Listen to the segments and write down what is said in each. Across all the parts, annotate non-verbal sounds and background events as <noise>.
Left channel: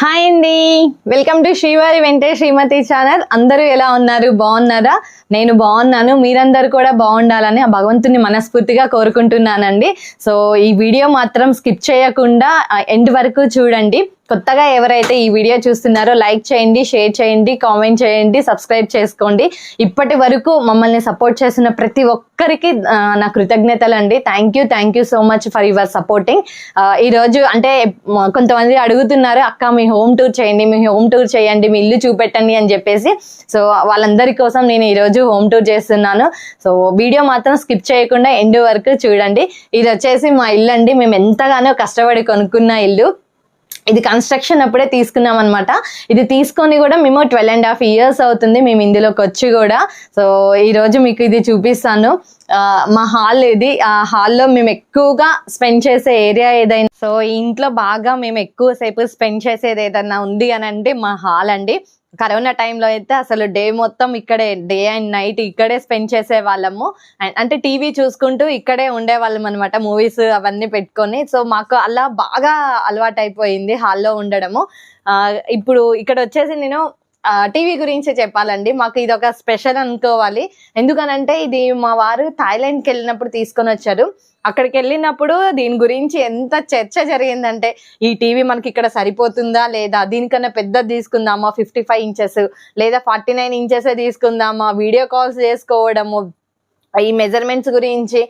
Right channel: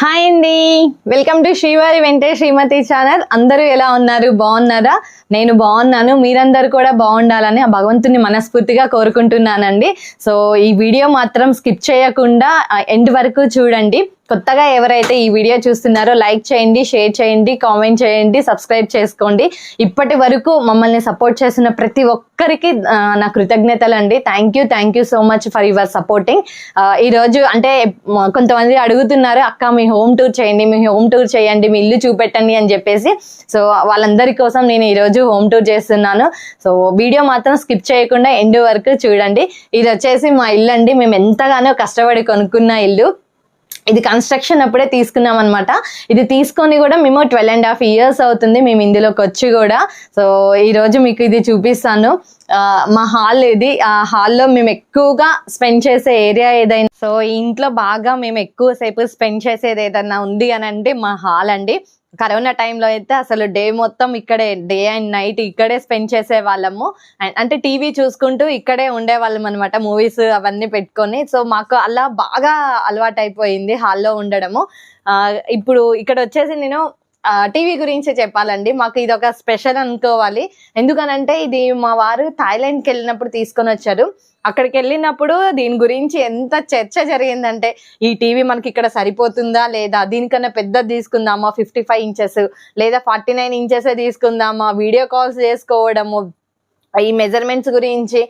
Hi అండి welcome to శ్రీవారి వెంటే శ్రీమతి ఛానల్ అందరూ ఎలా ఉన్నారు? బాగున్నారా? నేను బాగున్నాను. మీరందరూ కూడా బాగుండాలని ఆ భగవంతుని మనస్ఫూర్తిగా కోరుకుంటున్నానండి. సో ఈ వీడియో మాత్రం స్కిప్ చేయకుండా ఎండ్ వరకు చూడండి. కొత్తగా ఎవరైతే ఈ వీడియో చూస్తున్నారో లైక్ చేయండి షేర్ చేయండి కామెంట్ చేయండి సబ్స్క్రైబ్ చేసుకోండి. ఇప్పటి వరకు మమ్మల్ని సపోర్ట్ చేసిన ప్రతి ఒక్కరికి నా కృతజ్ఞతలు అండి thank you thank you so much for your supporting ఈరోజు అంటే కొంతమంది అడుగుతున్నారు అక్క మీ హోమ్ టూర్ చేయండి మీ హోమ్ టూర్ చేయండి మీ ఇల్లు చూపెట్టండి అని చెప్పేసి. సో వాళ్ళందరి కోసం నేను ఈరోజు హోమ్ టూర్ చేస్తున్నాను. సో వీడియో మాత్రం స్కిప్ చేయకుండా ఎండ్ వరకు చూడండి. ఇది వచ్చేసి మా ఇల్లు అండి మేము ఎంతగానో కష్టపడి కొనుక్కున్న ఇల్లు. ఇది కన్స్ట్రక్షన్ అప్పుడే తీసుకున్నాం అనమాట ఇది తీసుకొని కూడా మేము ట్వెల్వ్ అండ్ హాఫ్ ఇయర్స్ అవుతుంది మేము ఇందులోకి వచ్చి కూడా. సో ఈ రోజు మీకు ఇది చూపిస్తాను. మా హాల్ ఇది. ఆ హాల్లో మేము ఎక్కువగా స్పెండ్ చేసే ఏరియా ఏదైనా సో ఇంట్లో బాగా మేము ఎక్కువ సేపు స్పెండ్ చేసేది ఏదైనా ఉంది అని అంటే మా హాల్ అండి. కరోనా టైంలో అయితే అసలు డే మొత్తం ఇక్కడే డే అండ్ నైట్ ఇక్కడే స్పెండ్ చేసే వాళ్ళము అండ్ అంటే టీవీ చూసుకుంటూ ఇక్కడే ఉండేవాళ్ళం అనమాట మూవీస్ అవన్నీ పెట్టుకొని. సో మాకు అలా బాగా అలవాటు అయిపోయింది హాల్లో ఉండడము. ఇప్పుడు ఇక్కడ వచ్చేసి నేను టీవీ గురించి చెప్పాలండి. మాకు ఇది ఒక స్పెషల్ అనుకోవాలి. ఎందుకనంటే ఇది మా వారు థాయిలాండ్కి వెళ్ళినప్పుడు తీసుకొని వచ్చారు. అక్కడికి వెళ్ళినప్పుడు దీని గురించి ఎంత చర్చ జరిగిందంటే ఈ టీవీ మనకి ఇక్కడ సరిపోతుందా లేదా? దీనికన్నా పెద్దది తీసుకుందామా? ఫిఫ్టీ ఫైవ్ ఇంచెస్ లేదా ఫార్టీ నైన్ ఇంచెస్ తీసుకుందామా? వీడియో కాల్స్ చేసుకోవడము ఈ మెజర్మెంట్స్ గురించి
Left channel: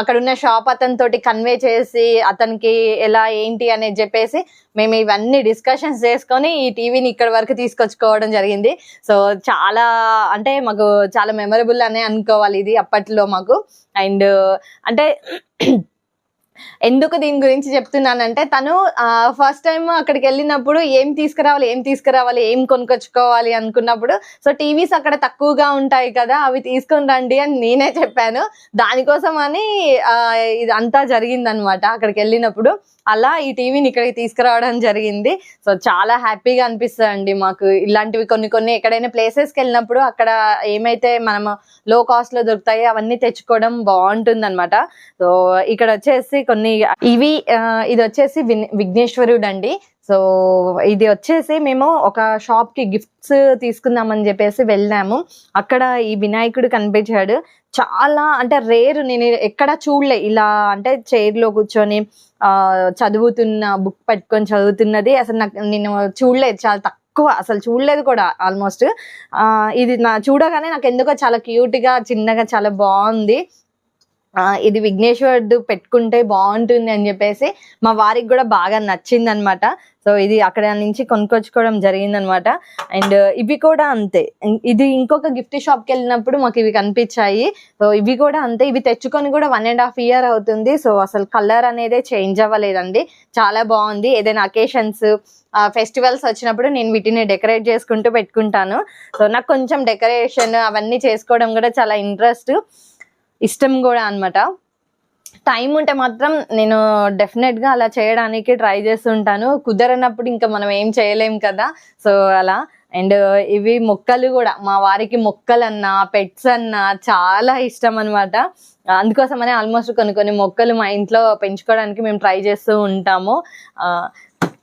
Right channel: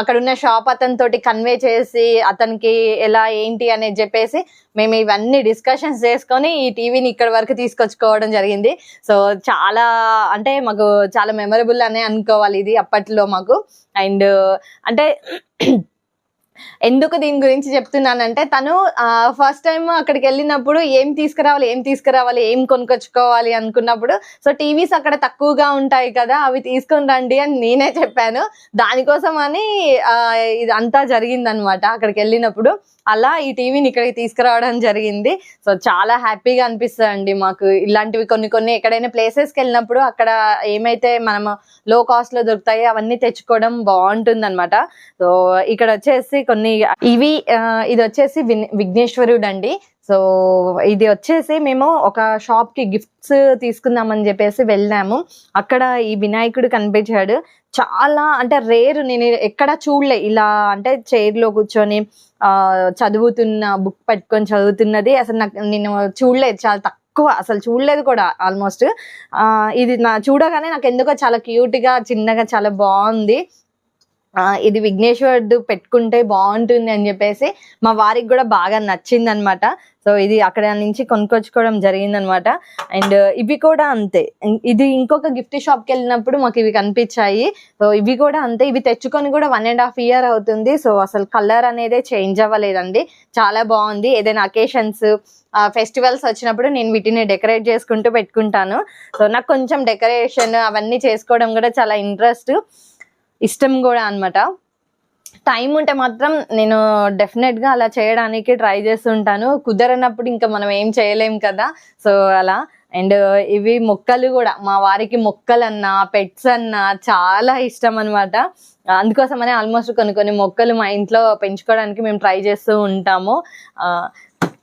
అక్కడ ఉన్న షాప్ అతని తోటి కన్వే చేసి అతనికి ఎలా ఏంటి అనేది చెప్పేసి మేము ఇవన్నీ డిస్కషన్స్ చేసుకొని ఈ టీవీని ఇక్కడ వరకు తీసుకొచ్చుకోవడం జరిగింది. సో చాలా అంటే మాకు చాలా మెమరబుల్ అనే అనుకోవాలి ఇది అప్పట్లో మాకు. అండ్ అంటే ఎందుకు దీని గురించి చెప్తున్నానంటే తను ఫస్ట్ టైం అక్కడికి వెళ్ళినప్పుడు ఏం తీసుకురావాలి ఏం తీసుకురావాలి ఏం కొనుకొచ్చుకోవాలి అనుకున్నప్పుడు సో టీవీస్ అక్కడ తక్కువగా ఉంటాయి కదా అవి తీసుకొని రండి అని నేనే చెప్పాను. దానికోసం అని ఆ, ఇది అంతా జరిగిందనమాట అక్కడికి వెళ్ళినప్పుడు. అలా ఈ టీవీని ఇక్కడికి తీసుకురావడం జరిగింది. సో చాలా హ్యాపీగా అనిపిస్తుంది అండి మాకు. ఇలాంటివి కొన్ని కొన్ని ఎక్కడైనా ప్లేసెస్కి వెళ్ళినప్పుడు అక్కడ ఏమైతే మనం లో కాస్ట్లో దొరుకుతాయి దొరుకుతాయో అవన్నీ తెచ్చుకోవడం బాగుంటుంది అనమాట సో ఇక్కడ వచ్చేసి కొన్ని ఇవి ఇది వచ్చేసి విఘ్నేశ్వరుడు అండి సో ఇది వచ్చేసి మేము ఒక షాప్కి గిఫ్ట్స్ తీసుకుందామని చెప్పేసి వెళ్ళాము. అక్కడ ఈ వినాయకుడు కనిపించాడు. చాలా అంటే రేరు నేను ఎక్కడ చూడలే. ఇలా అంటే చైర్లో కూర్చొని చదువుతున్న బుక్ పట్టుకొని చదువుతున్నది. అసలు నాకు నేను చూడలేదు చాలా తక్కువ. అసలు చూడలేదు కూడా ఆల్మోస్ట్ ఆ ఇది నా చూడగానే నాకు ఎందుకో చాలా క్యూట్గా చిన్నగా చాలా బాగుంది. ఇది విఘ్నేశ్వరుడు పెట్టుకుంటే బాగుంటుంది అని చెప్పేసి మా వారికి కూడా బాగా నచ్చింది అనమాట సో ఇది అక్కడ నుంచి కొనుక్కొచ్చుకోవడం జరిగింది అనమాట అండ్ ఇవి కూడా అంతే. ఇది ఇంకొక గిఫ్ట్ షాప్కి వెళ్ళినప్పుడు మాకు ఇవి కనిపించాయి. సో ఇవి కూడా అంతే. ఇవి తెచ్చుకొని కూడా వన్ అండ్ హాఫ్ ఇయర్ అవుతుంది. సో అసలు కలర్ అనేది చేంజ్ అవ్వలేదండి. చాలా బాగుంది. ఏదైనా అకేషన్స్ ఫెస్టివల్స్ వచ్చినప్పుడు నేను వీటిని డెకరేట్ చేసుకుంటూ పెట్టుకుంటాను. సో నాకు కొంచెం డెకరేషన్ అవన్నీ చేసుకోవడం కూడా చాలా ఇంట్రెస్ట్. ఇష్టం కూడా అనమాట టైం ఉంటే మాత్రం నేను డెఫినెట్గా అలా చేయడానికి ట్రై చేస్తుంటాను. కుదరనప్పుడు ఇంకా మనం ఏం చేయలేం కదా. సో అలా. అండ్ ఇవి మొక్కలు కూడా మా వారికి మొక్కలు అన్నా పెట్స్ అన్నా చాలా ఇష్టం అనమాట అందుకోసమనే ఆల్మోస్ట్ కొన్ని కొన్ని మొక్కలు మా ఇంట్లో పెంచుకోవడానికి మేము ట్రై చేస్తూ ఉంటాము.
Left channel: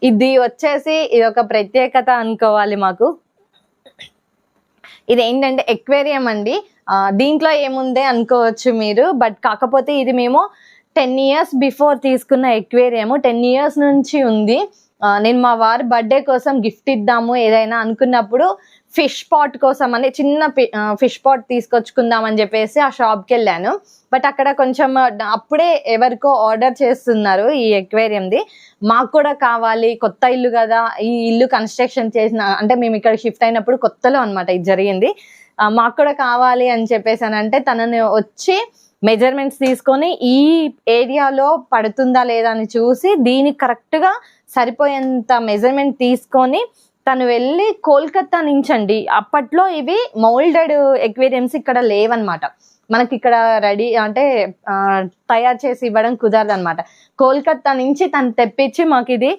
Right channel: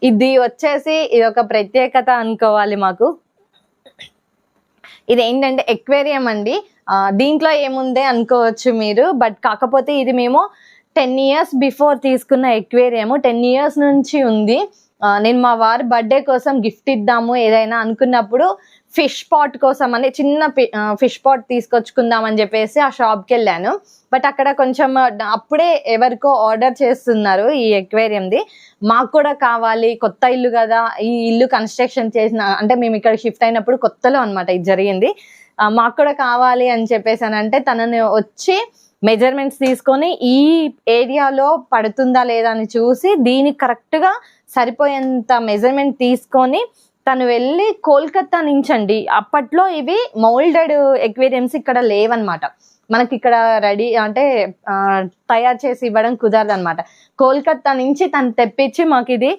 ఇది వచ్చేసి ఇది ఒక ప్రత్యేకత అనుకోవాలి మాకు. ఇది ఏంటంటే ఎక్వేరియం అండి. దీంట్లో ఏముంది అనుకోవచ్చు మీరు బట్ కాకపోతే ఇది మేము టెన్ ఇయర్స్ బిఫోర్ తీసుకున్న ఎక్వేరియం టెన్ ఇయర్స్ నుంచి ఉంది. నేను మా వారి బర్త్డే కోసం గిఫ్ట్ ఇద్దాము ఏదైనా అనుకున్నప్పుడు ఫిష్ పాట్ కోసం అని చిన్న ఫిష్ పాట్ తీసుకొచ్చుకుందాం అని చెప్పేసి ఆ షాప్కి వెళ్ళాను. బట్ అక్కడ కొంచెం అప్పుడే ఎవరికో ఆర్డర్ చేస్తున్నారు ఈ ఎక్వేరియంది. మాకు కూడా కావాలి కొత్త ఇల్లు కదా ఈ ఇల్లు కన్స్ట్రక్షన్ చేసిన అంటే మేము ఇక్కడ షిఫ్ట్ అయినప్పుడు కొత్తలో అనమాట ఇది జరిగింది. మాకు కూడా కావాలి అని చెప్పేసానంటే తనని వచ్చి మెజర్మెంట్స్ తీసుకొని ఈ ఏరియాలో పడుతుందా లేదా అని చూసి దీనికి కరెక్ట్గా సరిపోయేంత మెజర్మెంట్ తీసుకొని తను వెళ్ళి కోల్కతా నుంచి అండి అప్పట్లో ఇవి మౌల్డెడ్ ఎక్వేరియంస్ ఇక్కడ లేవన్నమాట. మనకి ఇక్కడ రెడీ అంటే తయారు చేసి ఇవ్వడం కుదరదు అనమాట కోల్కతా నుంచి తను తెప్పించి మాకు ఇది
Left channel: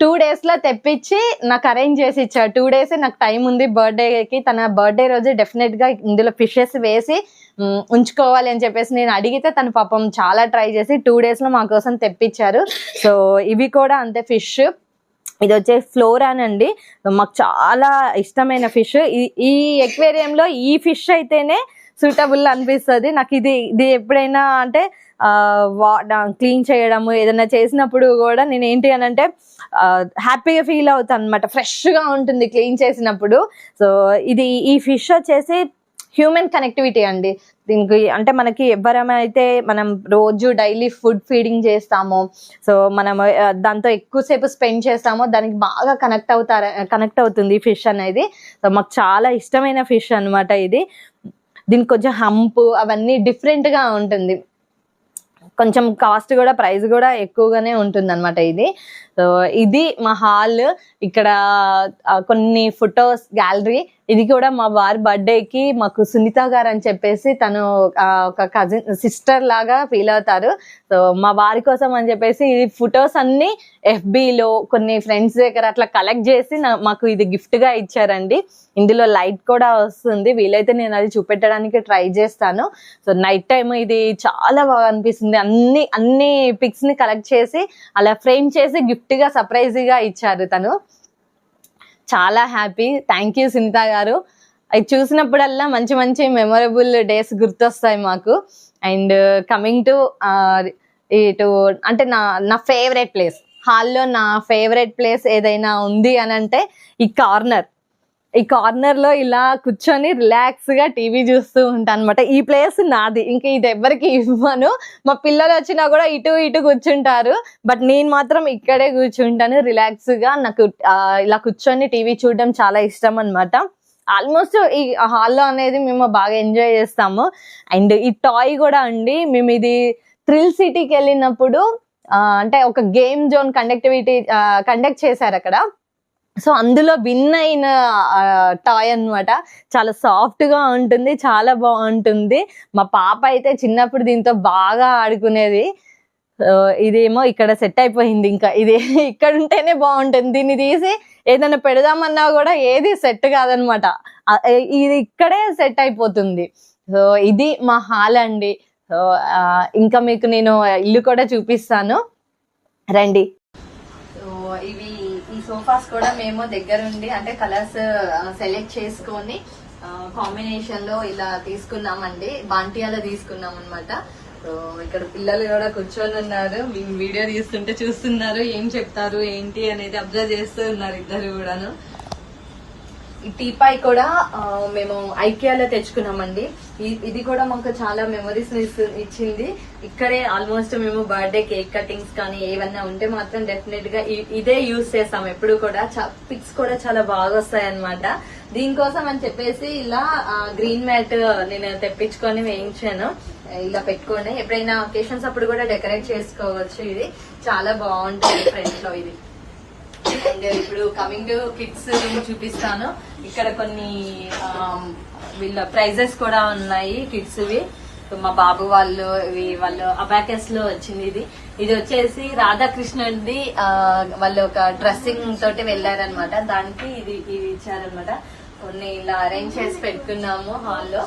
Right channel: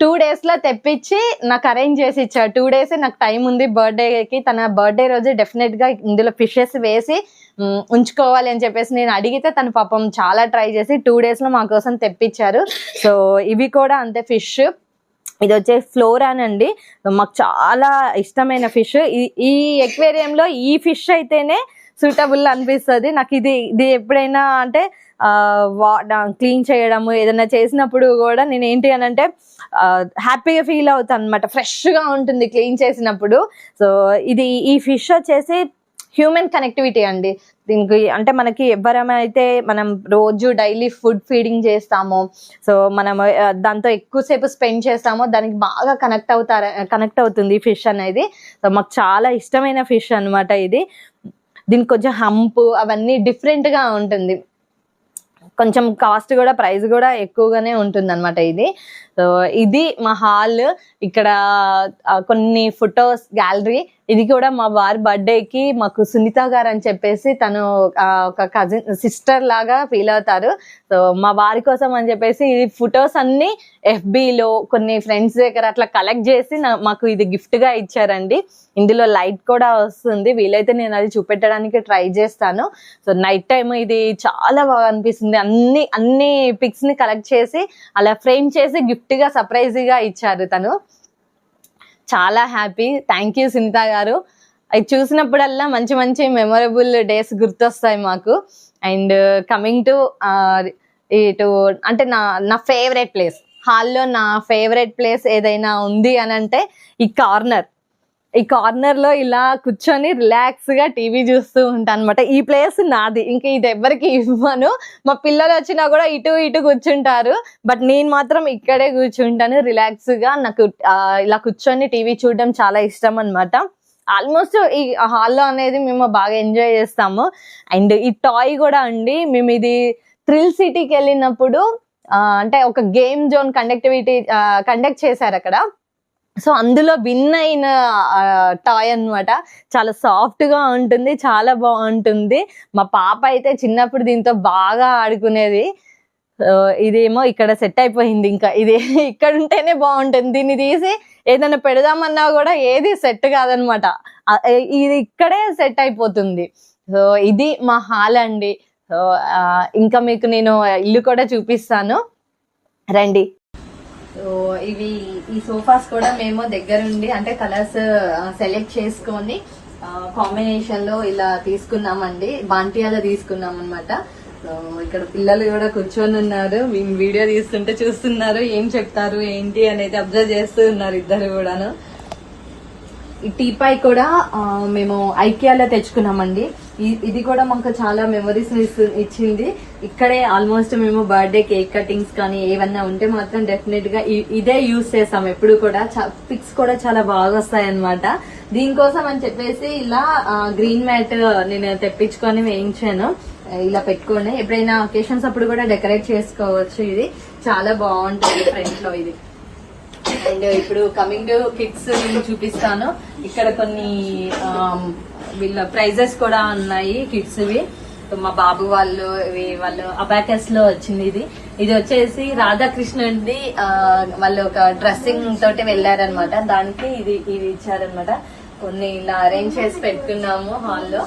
టూ డేస్లో తెప్పించి నాకు అరేంజ్ చేసి ఇచ్చాడు. టూ డేస్ నాకు టైం ఉంది బర్త్డేకి తన బర్త్డే రోజు డెఫినెట్గా ఇందులో ఫిషెస్ వేసి ఉంచుకోవాలి అని చెప్పేసి నేను అడిగితే తను పాపం చాలా ట్రై చేసి టూ డేస్లో మా కోసం తెప్పించారు. సో ఇవి కూడా అంతే ఫిష్ ఇది వచ్చే ఫ్లోరాన్ అండి. మాకు చాలా ఇష్టమైన ఫిష్ ఈ ఈ ఎక్వేరియంలో ఈ ఫిష్ అయితేనే సూటబుల్ అనిపిస్తుంది. నాకు ఇది ఇది ఎప్పుడైనా అంటే క్లీన్ చేయడము ఏదైనా చేసినప్పుడు కూడా నేను ఏంటి అని అంటే హ్యాపీగా ఫీల్ అవుతాను అనమాట ఫ్రెష్గా ఉంటుంది క్లీన్ చేసినప్పుడు. సో ఇది ఈ ఫిష్ వచ్చేసి హ్యూమన్ కనెక్టివిటీ అండి. దీనికి అంటే మనకి ఎవరమైతే మనం రోజు డైలీ ఫుడ్ ఫీడింగ్ చేస్తామో సో మనం దాంతో ఎక్కువసేపు స్పెండ్ చేస్తామో దానికి బాగా కనెక్ట్ అవుతారు కనెక్ట్ అవుతుంది ఫిష్ అనేది. సో మాకు చాలా ఇష్టమైన ఫిష్ అనమాట ఇది. దీనికి కొంచెం హంప్ అవన్నీ డిఫరెంట్గా ఉంటుంది. కొంచెం కాస్ట్ కూడా ప్రైస్ కూడా ఎక్కువగానే ఉంటుంది అనమాట ఇది. సో ఇది మా హాల్ ఇక్కడ కొన్ని ఫొటోస్ గ్యాలరీ ఇది కూడా మా వారి బర్త్డేకి మాకు సునీత గారు అని చెప్పేసి తను ఒక కజిన్ సిస్టర్ లాగా ఫీల్ అవుతారు. సో మా వారి కోసం అని చెప్పేసి ఈ ఫొటోస్ అన్ని ఎఫ్బిలో కొన్ని ఫ్రెండ్స్ దగ్గర అట్లా కలెక్ట్ చేసి మాకు ఇది గిఫ్ట్గా ఇచ్చారండి. ఇందులో లైట్ కూడా వస్తుంది. వీలైతే నేను అది చూపెట్టడానికి ట్రై చేస్తాను. సో నైట్ టైం ఇది చాలా బాగా అనిపిస్తుంది. అన్ని అన్ని పిక్స్ని కలెక్ట్ చేసి అలా ఫ్రేమ్ చేసి గిఫ్ట్గా సర్ప్రైజ్గా సర్ప్రైజ్గా ఇచ్చారు తను. చాలా హ్యాపీ. థ్యాంక్ యూ సునీత గారు. అది చూసినప్పుడల్లా మంచి మంచి మెమొరబుల్ డేస్ గుర్తొస్తాయి మాకు. అండ్ కమింగ్ టు ఇటు అంటే నా నా ఫేవరెట్ ప్లేస్ హాల్లో నా ఫేవరెట్ ప్లేస్ ఏదైనా ఉంది అని అంటే ఈ కార్నర్. ఈ కార్నర్లో ఇలా కూర్చొని రిలాక్స్గా టీవీ చూస్తూ ఉంటాను అనమాట ఈ ప్లేస్ నాది. ఇంకా ఇది ఎవరికి ఇవ్వను. మా పిల్లలు వచ్చినా కూడా ఇటు ఇటు కూర్చుంటారు. బట్ నేను మాత్రం ఇక్కడే కూర్చుంటాను. రిలాక్స్గా నాకు ఇలా కూర్చొని టీవీ చూడడం చాలా ఇష్టం అనమాట ఆల్మోస్ట్ ఈ హాల్లో అనేది మేము బాగా ఎంజాయ్ చేస్తాము. అండ్ ఈ టాయ్ కూడా అండి. మేము ఇది థ్రిల్ సిటీకి వెళ్ళినప్పుడు అంటే ఒక గేమ్ జోన్ కండక్టివిటీ కండక్ట్ చేశారు అక్కడ. సో అందులో భిన్న అయిన టాయ్ అన్నమాట. చాలా సాఫ్ట్గా ఉంటుంది చాలా బాగుంటుంది. మా పాప అయితే చిన్నప్పుడు దీంతో బాగా ఆడుకునేది. ఇదేమో ఇక్కడ సెట్ అయిపోయింది ఇంకా. ఇది <laughs> ఇక్కడ ఉంటేనే బాగుంటుంది. దీన్ని తీసి ఏదైనా పెడదామన్నా కూడా ఏది సెట్ కాదనమాట ఇది ఇక్కడే సెట్ అయిపోతుంది. సో ఇది మా హాల్ అండి. సో ఇంకా మీకు నేను ఇల్లు కూడా చూపిస్తాను. రండి. ఇవి ఈ సోఫాస్ కూడా మేము దగ్గరుండి అంటే కలర్స్ సెలెక్ట్ చేసుకొని కాంబినేషన్లో ఇలా తీసుకున్నామండి. బాంటియాలో తీసుకున్నాం అనమాట ఇక్కడ పిల్లలు కూడా కూర్చొని ఉన్నారు. మేము వీడియో తీస్తుంటే చూస్తున్నారు ఏం చెప్తారు ఏంటి అనేది అబ్జర్వ్ చేస్తూ ఉన్నారు ఇద్దరు కూడాను. ఈ టీపాయ్ కూడా మేము ఐకియాలో తెచ్చుకున్నామండి. ఇది కూడా మాకు చాలా మెమరీస్ ఇచ్చింది. ఇక్కడే ఆల్మోస్ట్ మేము బర్త్డే కేక్ కటింగ్స్ కానీ ఏమన్నా ఉంటే మాత్రం డెఫినెట్గా ఇదే యూస్ చేస్తాం ఎప్పుడు కూడా. పిక్స్ కూడా చాలా బాగా వస్తాయి అనమాట దీనికోసం అని చెప్పేసి ఇలా గ్రీన్ మ్యాట్ నేను తెప్పించుకొని వేయించాను. ఇలా పెట్టుకొని ఎప్పుడైనా ఒకేషన్స్ అప్పుడు కూడా డెకరేట్ చేసుకోవచ్చు ఇది. చాలా బాగుంటుంది ఫ్రంట్లో ఇది. అండ్ ఇప్పుడు కమింగ్ టు కిడ్స్ చూపిస్తాను. ఇక్కడ కొన్ని um, వీళ్ళ ప్రైజెస్ కూడా ఉన్నాయి కిడ్స్వి మా బాబు వాళ్ళు వాళ్ళు అబాకస్లో వచ్చింది ఇది. ఇది వచ్చేసి రాధాకృష్ణుడి వాళ్ళు ఒక డ్రెస్సింగ్ తోటి వెళ్ళారనమాట దానికి ఇది ఇది ఇచ్చారనమాట కొన్ని ఇలా అరేంజ్ చేసి పెట్టుకున్నాము హాల్లో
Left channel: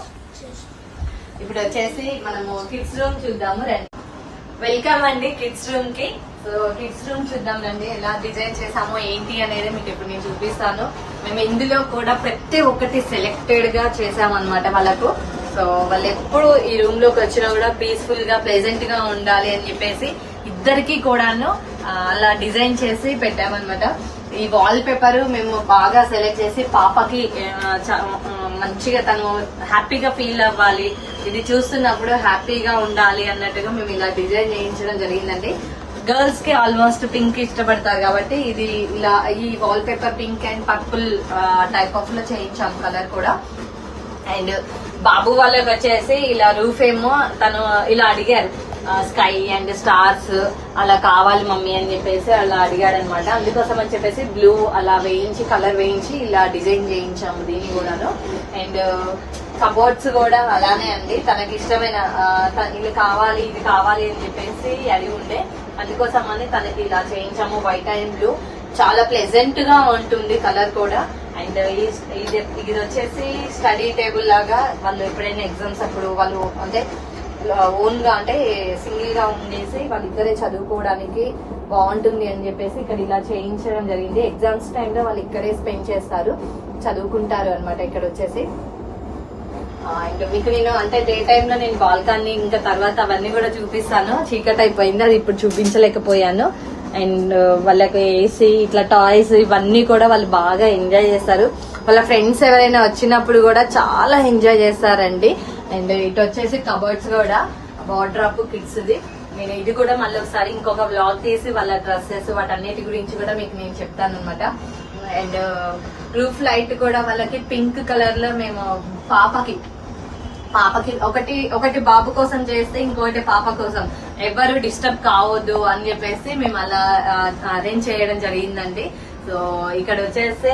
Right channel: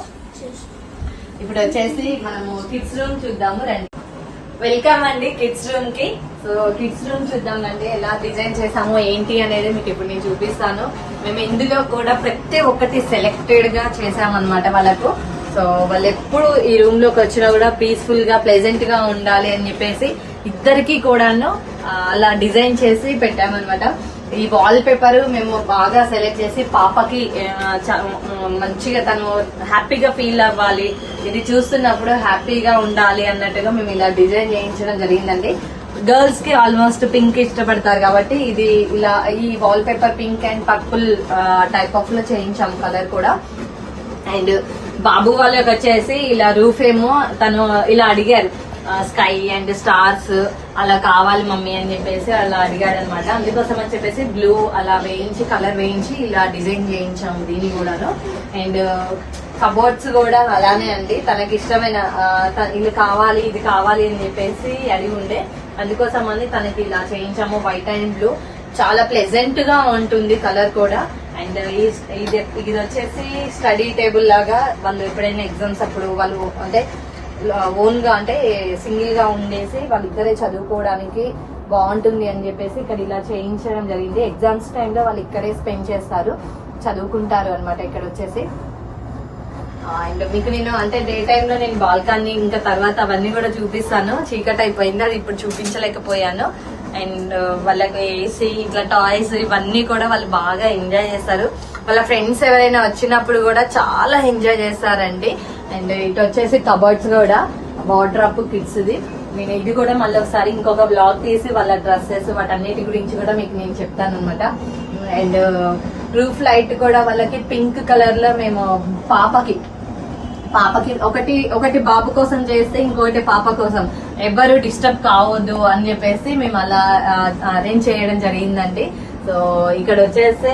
ఇప్పుడు వచ్చేసి మనము కిడ్స్ రూమ్ చూద్దాము రండి. వెల్కమ్ అండి కిడ్స్ రూమ్కి. సో కిడ్స్ రూమ్ చూద్దాం అండి ఎలా డిజైన్ చేసాము ఏంటి అనేది మీకు ఇప్పుడు నేను చూపిస్తాను. మేము ఇందులో కూడా ప్రతి ఒక్కటి సెలెక్టెడ్గా చేసామన్నమాట వాళ్ళకు. సో వాళ్ళు ఎప్పుడు ఈ రూమ్లోకి వచ్చినా కూడా పీస్ఫుల్గా ప్లెజెంట్గా ఉండాలి అని చెప్పేసి ఇద్దరికి కూడాను అలా డిజైన్ చేసి పెట్టామన్నమాట. ఈ వాల్ పేపర్ మేము బాగా సెలెక్ట్ చేసి పాపకి చ- మంచిగా తను హ్యాపీగా ఫీల్ అవ్వాలి. ఇది చూస్తున్నప్పుడు హ్యాపీగా ఉండాలి అన్నట్టుగా మేము ఇలా డిజైన్ చేయించడం జరిగిందండి. గర్ల్స్కి ఆల్మోస్ట్ పింక్ ఇష్టపడతారు కాబట్టి ఇది ఇలా ఈ wallpaper pink and purple type ఆఫ్లో చేయించాం కలర్ కూడా. అండ్ బాబు వాళ్ళకి వచ్చేసి ఇలా రూఫ్ ఏమో తను ఇలా అడిగారు. స్కై అండ్ స్టార్స్ అలా కావాలి మమ్మీ అని చెప్పేసి అలా అడిగారు అనమాట అందుకోసం అని చెప్పేసి బ్లూ అలా వేయించి కలర్ వేయించి ఇలా డిజైన్ చేయించాము దీన్ని కూడాను. అండ్ కబోర్డ్స్ కూడా అలానే అండి. తనకి ఇష్టమైన త- ఇది కావాలి ఇది కావాలి అని చెప్పేసి అడిగి ఉండే. అందుకోసం అని తనకి ఇలా చేయించాము వైట్ అండ్ బ్లూ. చాలా ప్లెజెంట్గా ఉంటుంది కలర్ కూడా. అండ్ ఇది ఇది వచ్చేసి స్టడీ టేబుల్ లాగా వాళ్ళు ఎప్పుడైనా ఎగ్జామ్స్ అప్పుడు వాళ్ళు అంటే ఓన్గా అంటే సింగిల్గా ఉండేసి వాళ్ళిద్దరే చదువుకోవడానికి బాగుంటుంది అని చెప్పేసి ఇక్కడ ఇలా చేయించడం జరిగింది. ఎగ్జామ్స్ టైంలో వాళ్ళు ఇక్కడే స్పెండ్ చేస్తారు. చదువుకుంటారు అనమాట ఇక్కడ వచ్చేసి. అండ్ మీకు నేను అంటే డే టైమ్లో నేను బాల్కాన్ని ఇంకా తర్వాత అవన్నీ కూడా చూపిస్తాను. చీకటి అయిపోయింది అది ఇప్పుడు చూపించలేకపోయాను. అండ్ వాళ్ళకి ఏసీ ఇట్లా టాయ్స్ ఇవన్నీ కూడా వాళ్ళు బాగా ఎంజాయ్ చేస్తారు. వాళ్ళ ఫ్రెండ్స్ ఎవరైనా వచ్చినప్పుడు కూడా చాలా ఎంజాయ్ చేస్తారండి. అండ్ ఇటు వచ్చేసి కబర్డ్స్ కూడా వాటర్ అప్ ది నేను ఇది కూడా మళ్ళీ ఒకసారి ఇంకొక బ్లాగ్ తీసి వాళ్ళ డ్రెస్సెస్ వాటన్నిటి గురించి కూడా మీకు నేను చెప్తాను అనమాట అండ్ రూఫ్ లైట్ కూడా వాళ్ళకి పింక్ కలర్లో మేము పాపకి పాపకి ఒకటి ఒకటి బాబు కోసం చేస్తే ఇంకొకటి పాప కోసం. ఎవరు డిస్టర్బ్ కావద్దు అని చెప్పేసి మేము అలా అరేంజ్ చేయడం జరిగిందండి. సో ఇక్కడ వచ్చేస్తే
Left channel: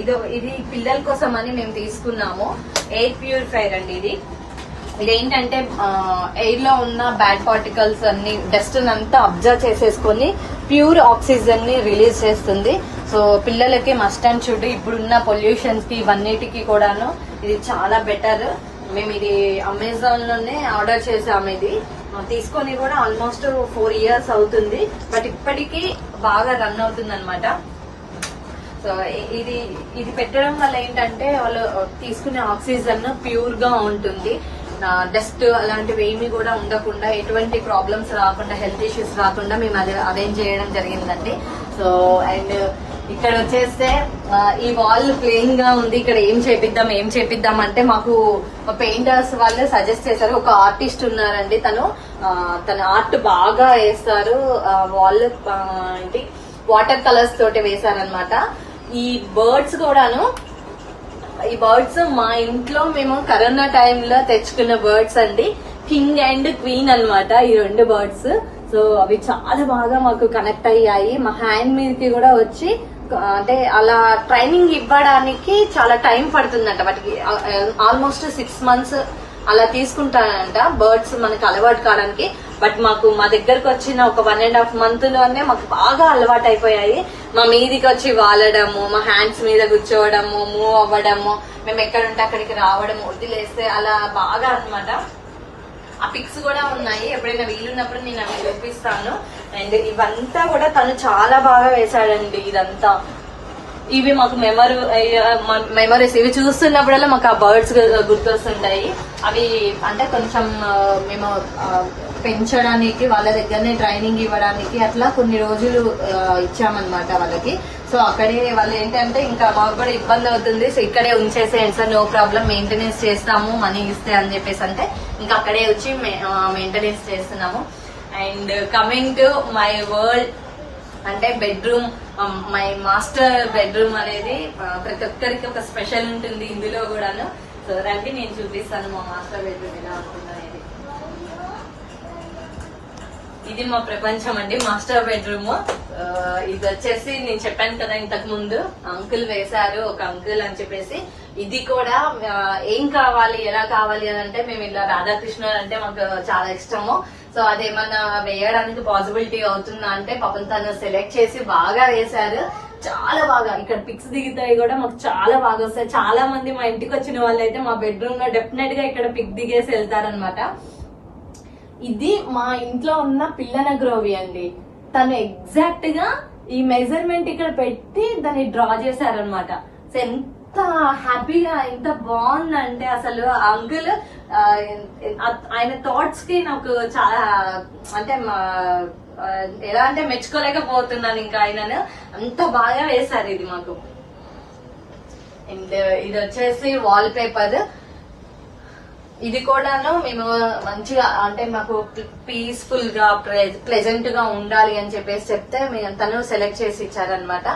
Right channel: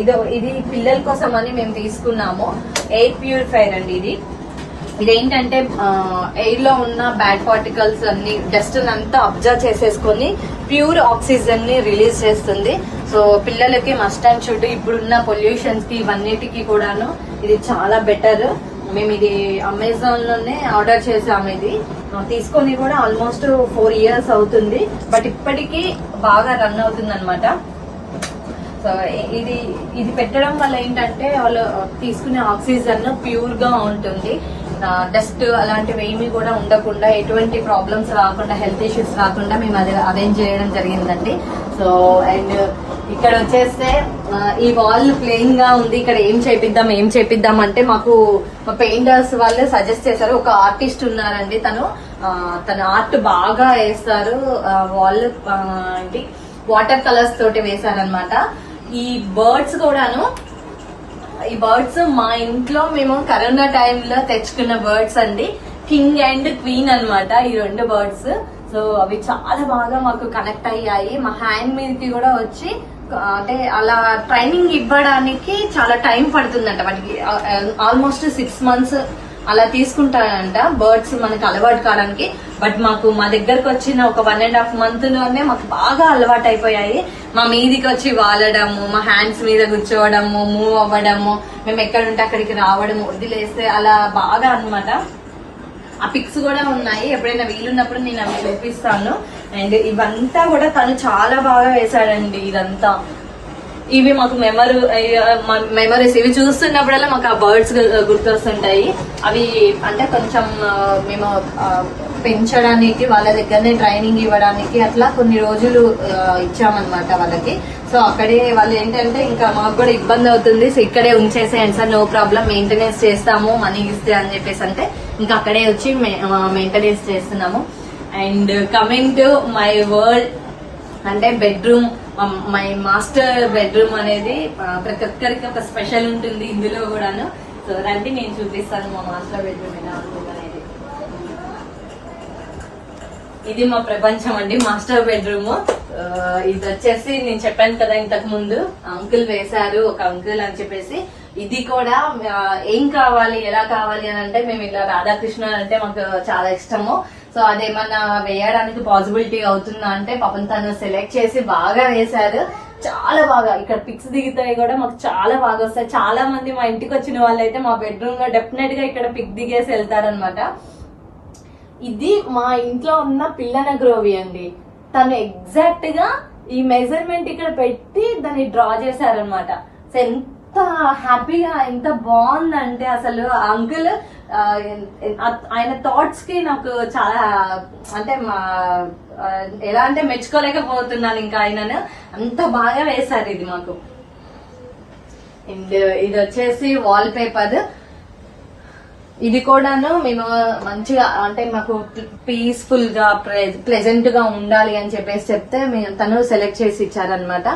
ఇది ఇది పిల్లల కోసం అని మేము తీసుకున్నాము. ఎయిర్ ప్యూరిఫైర్ అండి ఇది. ఇదేంటంటే ఎయిర్లో ఉన్న బ్యాడ్ పార్టికల్స్ అన్ని డస్ట్ అంతా అబ్జర్వ్ చేసేసుకొని ప్యూర్ ఆక్సిజన్ని రిలీజ్ చేస్తుంది. సో పిల్లలకి మస్ట్ అండ్ షుడ్ ఇప్పుడున్న పొల్యూషన్స్కి ఇవన్నిటికి కూడాను ఇది చాలా బెటర్. మేము ఇది అమెజాన్లోనే ఆర్డర్ చేసాము ఇది. తీసుకొని కూడా ఆల్మోస్ట్ ఫోర్ ఇయర్స్ అవుతుంది. బట్ ఇప్పటికీ బాగా రన్ అవుతుంది అనమాట ఇది ఇది పెట్టడం వల్ల ఏంటంటే వాళ్ళు తీసుకునే ఆక్సిజన్ ప్యూర్గా ఉంటుంది డస్ట్ అలాంటివి ఏమి కూడా ఉండకుండా ఎటువంటి ప్రాబ్లమ్స్ రాకుండా హెల్త్ ఇష్యూస్ రాకుండా మేము అది అరేంజ్ చేయడం జరిగిందండి. సో అండ్ ఇక్కడ వచ్చేస్తే ఈ వాల్ ప్లెయిన్గా ఉంది. ఇక్కడ ఏం చేపిద్దాం ఏం చేపిద్దాం అంటే మాకు పెయింటర్స్ వాళ్ళు సజెస్ట్ చేశారు. ఒక ఆర్టిస్ట్ ఉన్నారండి తను. తన ఆర్ట్ బాగా వేస్తారు. వాల్ ఏంటి వాటర్ కలర్స్ తోటి వేశారనమాట ఈ బర్డ్స్ కూడాను ఈ బర్డ్స్ మా ఇంట్లో మేము కరోనా టైంలో తెచ్చుకున్న బర్డ్స్ అండి. కింగ్ అండ్ క్వీన్ అన్నమాట ఈ రెండు బర్డ్స్. సో అవి చాలా బాగా మాకు కనెక్ట్ అయ్యాయి. మా హ్యాండ్ మీదకి కూడా వచ్చి అంటే అలా ట్రైనింగ్ ఇవ్వడానికి చాలా టైం పడుతుందంట. వాటికి ఆల్మోస్ట్ సిక్స్ మంత్స్ అలా తీసుకుంటారంట బర్డ్స్ మనకు అలవాటు కావడానికి. బట్ మాకు మా దగ్గరకు వచ్చిన ఒక వన్ అండ్ హాఫ్ మంత్లోనే మాకు బాగా అలవాటు అయిపోయాయి. మా మీదికి వచ్చి వాలడము మా హ్యాండ్స్ మీద కూర్చోవడము మూవ్ అవ్వడము మేము ఎక్కడుంటే అక్కడికి రావడం వదిలేస్తే అలా బాగా అన్నమాట. ఆ పిక్స్ కూడా ఉన్నాయి. ఎప్పుడైనా వీలున్నప్పుడు నేను అవి చూపిస్తాను. అండ్ ఇవంతా కూడా తను చాలా బాగా వేశాడండి ఇదంతా. ఇవి మాకు మెమరీ మెమరీస్ ఇవి చూస్తున్నప్పుడల్లా మాకు ఆ బర్డ్స్ గుర్తొస్తుంటాయి. అవి అంటే కొంచెం మేము పెంచడానికి వాళ్ళ దగ్గరనే ట్రైనింగ్ ఇవ్వడానికి అట్లా కొన్ని రోజులు ఇచ్చామన్నమాట వాళ్ళకి. సో అక్కడే వాళ్ళు ఏంటంటే ఇంకా మాకు కూడా ఇబ్బంది అవుతుంది. సో ఇక్కడే ఉంచేసేయండి సార్ నో ప్రాబ్లం. మెయింటెనెన్స్ చేస్తాము మనీ ఇస్తే అని చెప్పేసి అంటే ఇంకా అక్కడే వచ్చి మెయింటెనెన్స్ చేస్తున్నాము. And coming to my world అంటే బెడ్రూమ్ మై మాస్టర్ బెడ్రూమ్ అనేది ప్రతి ఒక్కరికి ఒక స్పెషల్ ఉంటుంది ఇందులో కూడాను. సో రండి నేను చూపిస్తాను మా మాస్టర్ బెడ్రూమ్ ఎలా ఉంటుందని ఇది మా ప్రపంచం అండి మాస్టర్ బెడ్రూమ్. ఇది వచ్చేసి నేను చెప్పాను కదా ఇంతకు ముందు అంకుల్ వేశారు ఒక అంకుల్ అని చెప్పేసి. ఇది కూడా ఏం కావాలి ఎలా కావాలి అని అంటే మేము ఇలా రాధాకృష్ణ అంటే మాకు చాలా ఇష్టము. సో అదేమన్నా వేయడానికి పాసిబిలిటీ అవుతుందా అంటే పాపం తను సెలెక్ట్ చేసి బాగా వేశారు. చాలా బాగా ఇక్కడ పిక్స్ దిగుతాయి కూడా మాకు చాలా బాగా వస్తాయి. చాలా మంది మా ఇంటికి వచ్చిన వాళ్ళైతే మా బెడ్రూమ్లో డెఫినెట్గా ఇక్కడ పిక్ దిగేసి వెళ్తారనమాట ఇది మా ఇంట్లో ఉన్న పిల్లన గ్రోవి అండి. తను ఎగ్జాక్ట్గా ఈ మెజర్మెంట్ ఇక్కడ పెట్టి దాన్ని డ్రా చేశారనమాట సో ఎంత హ్యాపీగా ఎంత బాగుందంటే అసలు అంకుల్ ఆయన థాట్స్కి నాకు చాలా అంటే ఎలా అంటే మెచ్చుకోలేకపోతున్నాను ఇంకా ఆయనను. అంత బాగా వేశారు ఇది మాకు. ఇది వచ్చేసి వాల్ పేపర్ ఇది కూడాను మేము మంచిగా అంటే మాకు పీస్ఫుల్గా ప్లెజెంట్గా ఉండాలి అని చెప్పేసి చెప్తే మేము తను సెలెక్ట్ చేసి ఇచ్చారనమాట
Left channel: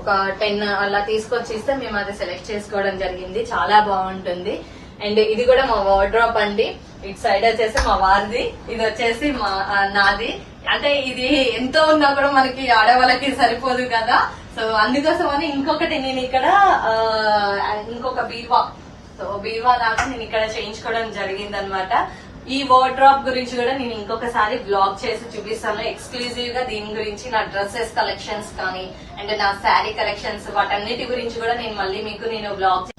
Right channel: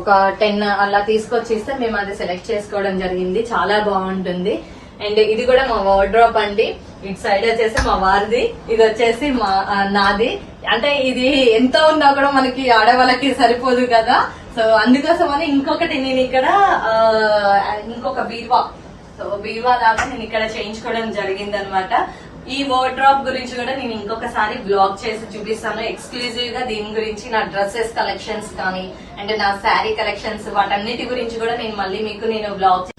ఒక టెన్ అలా తీసుకొచ్చిస్తే మేము అది సెలెక్ట్ చేసుకోవడం జరిగింది. చాలా బాగుంటుంది. అండ్ ఇది కూడా మా వార్డ్రాప్ అండి. ఇటు సైడ్ వచ్చేసి మా వారిది ఇది వచ్చేసి మా నాది. అంటే ఇది ఎంత ఉన్నా కూడా మనకి ఆడవాళ్ళకి సరిపోదు కదా. సో అందుకోసమని ఇంకొకటి నేను ఇక్కడ ఇంకొక బీరువా సో బీరువా లాగా నేను ఇక్కడ చేయించుకోవడం జరిగింది అనమాట ఈ వార్డ్రాప్ గురించి కూడా నేను ఇంకొకసారి బ్లాగ్ చేసి చూపిస్తాను. ఎక్స్క్లూజివ్గా దీని గురించి నా డ్రెస్సెస్ కలెక్షన్స్ కానీ అండ్ నా శారీ కలెక్షన్స్ వాటన్నిటి గురించి కూడా నేను మళ్ళీ మీకు నేను బ్లాగ్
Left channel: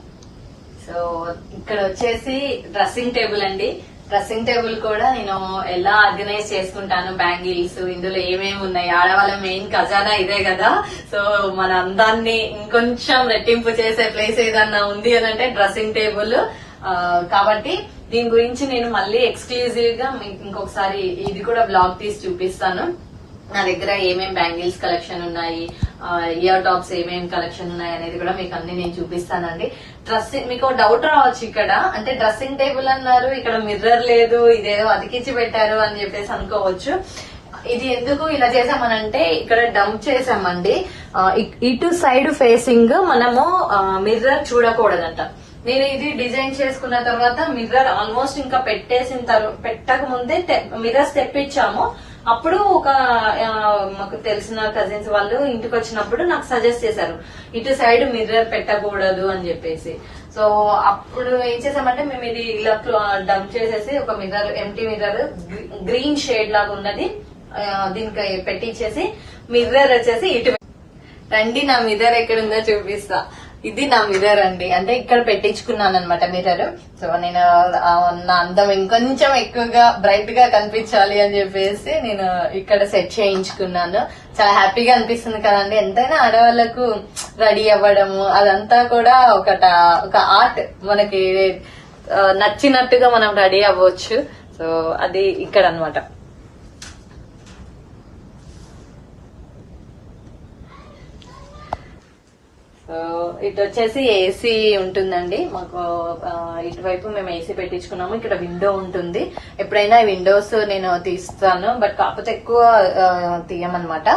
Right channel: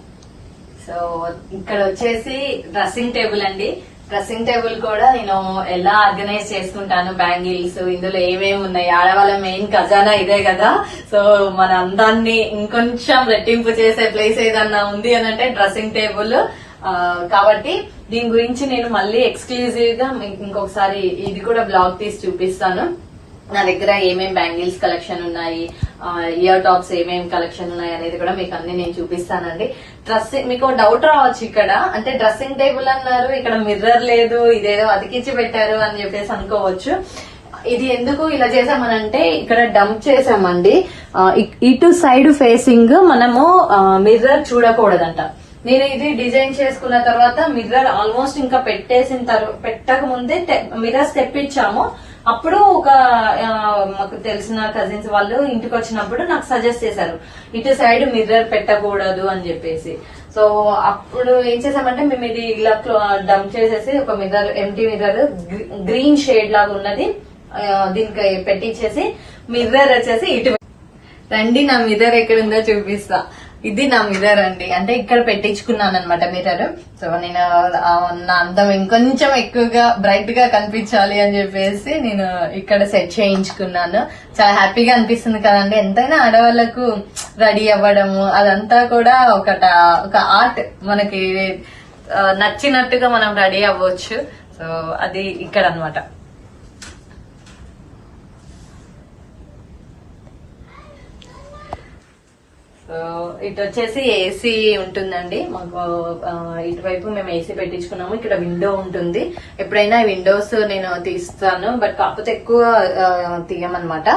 సో ఇక్కడ వచ్చేసి డ్రెస్సింగ్ టేబుల్ అండి. డ్రెస్సింగ్ టేబుల్ కూడా నేను ఎలా ఆర్గనైజ్ చేసుకుంటాను బ్యాంగిల్స్ ఇందులో ఏమేమి ఉన్నాయి ఆడవాళ్ళ మెయిన్ ఖజానా ఇదే కదా. సో మన అందాన్ని ఇంకొంచెం రెట్టింపు చేసే ప్లేస్ ఏదన్నా ఉంది అని అంటే డ్రెస్సింగ్ టేబుల్. కాబట్టి దీని గురించి నేను మళ్ళీ ఎక్స్క్లూజివ్గా మీకు ఇంకొకసారి ఇది కూడా బ్లాగ్ తీసి చూపిస్తాను. నా దగ్గర ఏమేం బ్యాంగిల్స్ కలెక్షన్ ఉన్నాయి ఇయర్ టాప్స్ ఏమేం కలెక్షన్ ఉన్నాయి అనేది కూడా మీకు అన్ని నేను చూపిస్తానండి. డ్రెస్సింగ్ మీకు డౌట్ రావచ్చు ఇక్కడ. అంటే డ్రెస్సింగ్ టేబుల్ అన్నారు ఇక్కడ మిర్రర్ లేదు ఇదేదో అతికించి పెట్టారు అని చెప్పేసి అనుకోవచ్చు. ఇది ఎందుకు ఇలా చేసామనంటే ఇక్కడ డంప్ చేసామండి ఇటు సైడ్ ఫేసింగ్ మనము మిర్రర్ చూడకూడదంట. నేను ఇది డిజైన్ చేసుకున్న తర్వాత మిర్రర్ ఆల్మోస్ట్ ఇంకా పెట్టేసిన తర్వాత పెట్టక ముందే మిర్రర్స్ తెప్పించాము. అప్పుడు ఒక మాకు తెలిసిన కజిన్స్ వాళ్ళు ఇంటికి వచ్చినప్పుడు నాకు సజెస్ట్ చేశారు ఇటు సైడ్ మిర్రర్ పెట్టకూడదు అని చెప్పేసి. సో అప్పుడు ఏం చేసామంటే మేము ఇది ఇలా డంప్ చేసేసి ఒక mirror empty mirror green shade లాగా ఉన్నది దీనికి పెట్టించేసి మిర్రర్ వచ్చేసి ఇటు రండి నా మిర్రర్ ఎక్కడుందో చూపిస్తా. ఇది నా మిర్రర్ అండి. అంటే ఇక్కడ పెట్టించుకున్నాను అనమాట మిర్రర్ సో నేను నా అందం ఇంకొంచెం ఎక్కువగా బ్రైట్గా కనిపించాలి అని చెప్పేసి నేను ఇక్కడ సెట్ చేయించుకున్నాను. చాలా హ్యాపీగా అనిపిస్తుంది కదండి. ఎంతైనా ఆడవాళ్ళకు రెడీ అవ్వడము అదంతా కూడా ఒకట ఒక ఆర్ట్ మనకి నచ్చినట్టుగా మనం రెడీ అవ్వచ్చు. సో అది ఇక్కడ అన్నమాట ఇటు వచ్చేసి ఏసీ ఉంటుందండి. మాకు ఇటువైపు మేము ఏసీ పెట్టించుకున్నాము. ఇక్కడ విండో ఉంటుంది. ఎప్పుడైనా విండోస్ నేను తీస్తాను బట్ కాకపోతే ఎక్కువ తీయమనమాట